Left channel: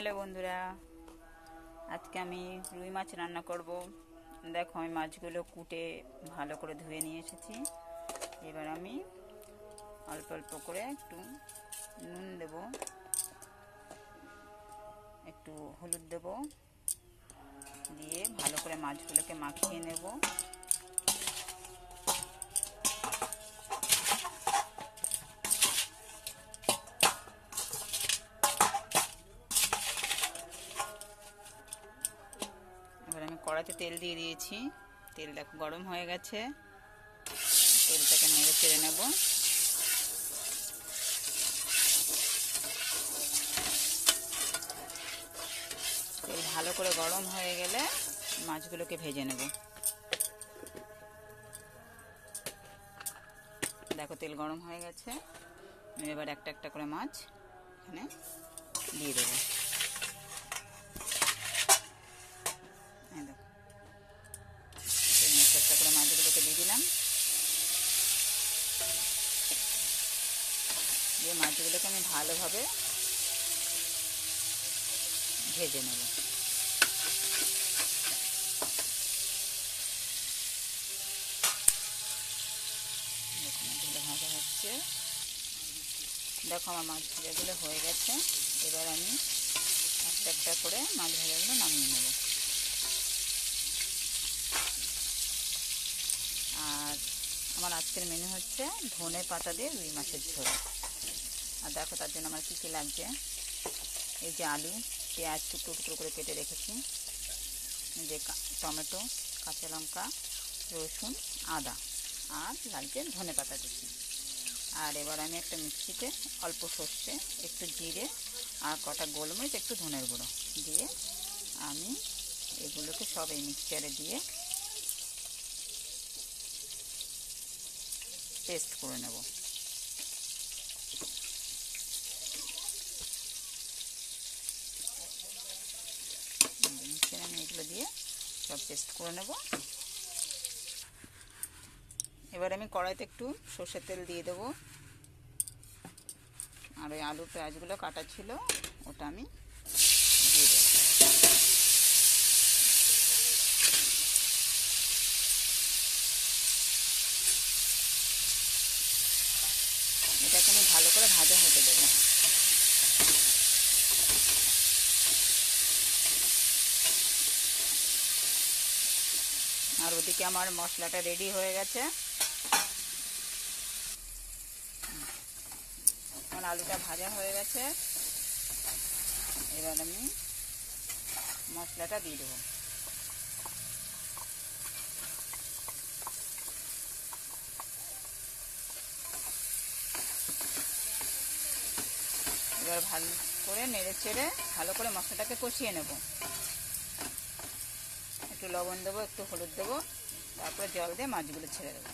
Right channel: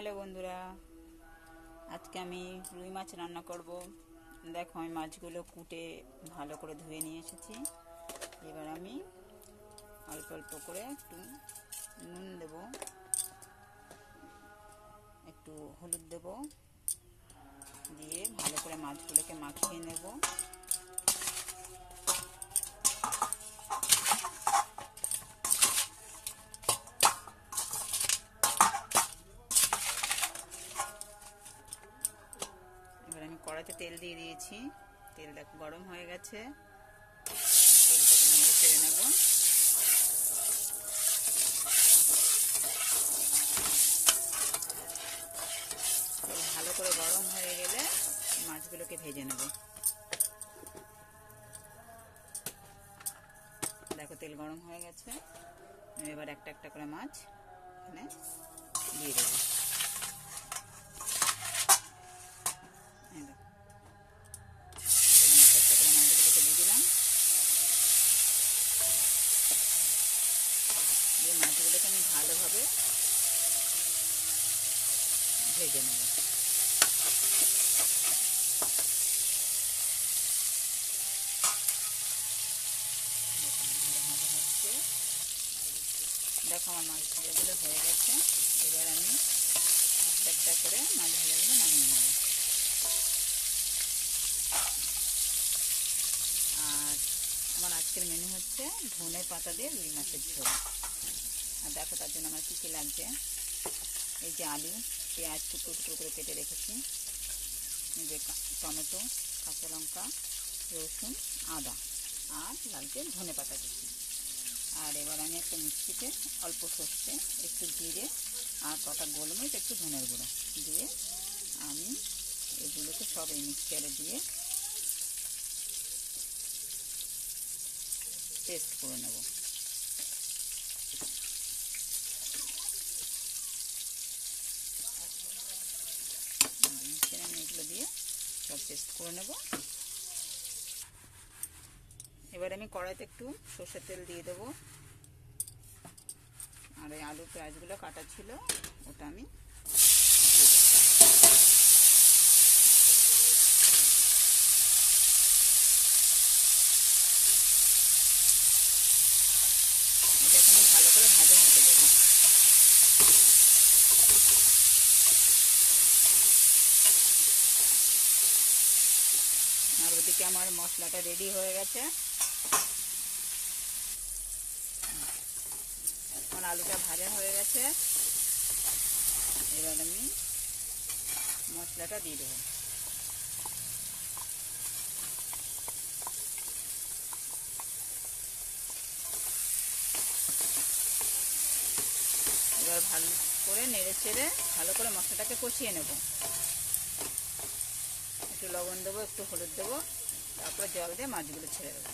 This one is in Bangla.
হ্যালো বন্ধুরা, আজকে আমি রুই মাছ রান্না করব। দেখো, আমি মাছগুলো কুটে ভালো করে ধুয়ে নিয়ে এসেছি। এবার আমি অল্প অল্প করে একটু নুন দেব, একটু হলুদ দেব, দিয়ে ভালো করে মাছগুলোকে মাখিয়ে নেব। এবার আমি কড়াইতে তেল দিয়ে দিয়েছি। তেলটা গরম হয়ে গেছে, তেলটাকে নেড়ে চেড়ে নেব। তেল ভালো করে গরম হয়ে গেলে মাছগুলোকে ভেজে নেব। দেখো, তেল গরম হয়ে গেছে। এবার একটা একটা করে মাছ এখানে দিয়ে দেবো। একটা করে মাছগুলোকে দিয়ে দিলাম, দিয়ে মাছগুলোকে আমি ভালোভাবে ভেজে নেব। ভাজা হচ্ছে, দেখো আমার মাছ ভাজাগুলো হয়ে গেছে। এবার আমি একটা একটা করে মাছ ভাজাগুলো নামিয়ে নেব। আর আমার আজকের মেনু হচ্ছে ধনে পাতা দিয়ে রুই মাছের ঝোল। আর দেখো, তার জন্য আমার কী কী লাগছে। এই যে আলু, পেঁয়াজ টুকরো টুকরো করে কেটে রেখেছি, এই যে টমেটো, কাঁচা লঙ্কা, রসুন, আদা, আর লাগছে ধনে পাতা কুচি। আর এবার আমি একটা মিক্সিতে অল্প সর্ষে, একটু জিরে আর কটা গোলমরিচ, একটু ধনের গুঁড়ো দিয়ে আমি এগুলোকে সব এই মিক্সচারে দিয়ে পেস্ট করে নেব। মিক্সচারে আমি এগুলো দিয়ে সব পেস্ট করে নেব। এবার আমি কড়াইতে একটু সর্ষের তেল দিয়ে দেবো। আর ওই আলু পেঁয়াজগুলো কাটা ছিল ওটা আমি দিয়ে দেবো। এটাকে আমি ভালো করে ভাজা হতে দেবো। আর ওদিকে আমার মশলাটা রেডি হয়ে গেছে। আমার আলুটা ভাজা হয়ে গেছে। এবার আমি মশলাটা দিয়ে দেবো। এবার ভালো করে নেড়ে চেড়ে ভালো করে মশলাটাকে কষিয়ে নেব। একটু লবণ দেবো, একটু হলুদ দেবো, তারপরে জল দিয়ে মাছগুলো ছেড়ে দেবো।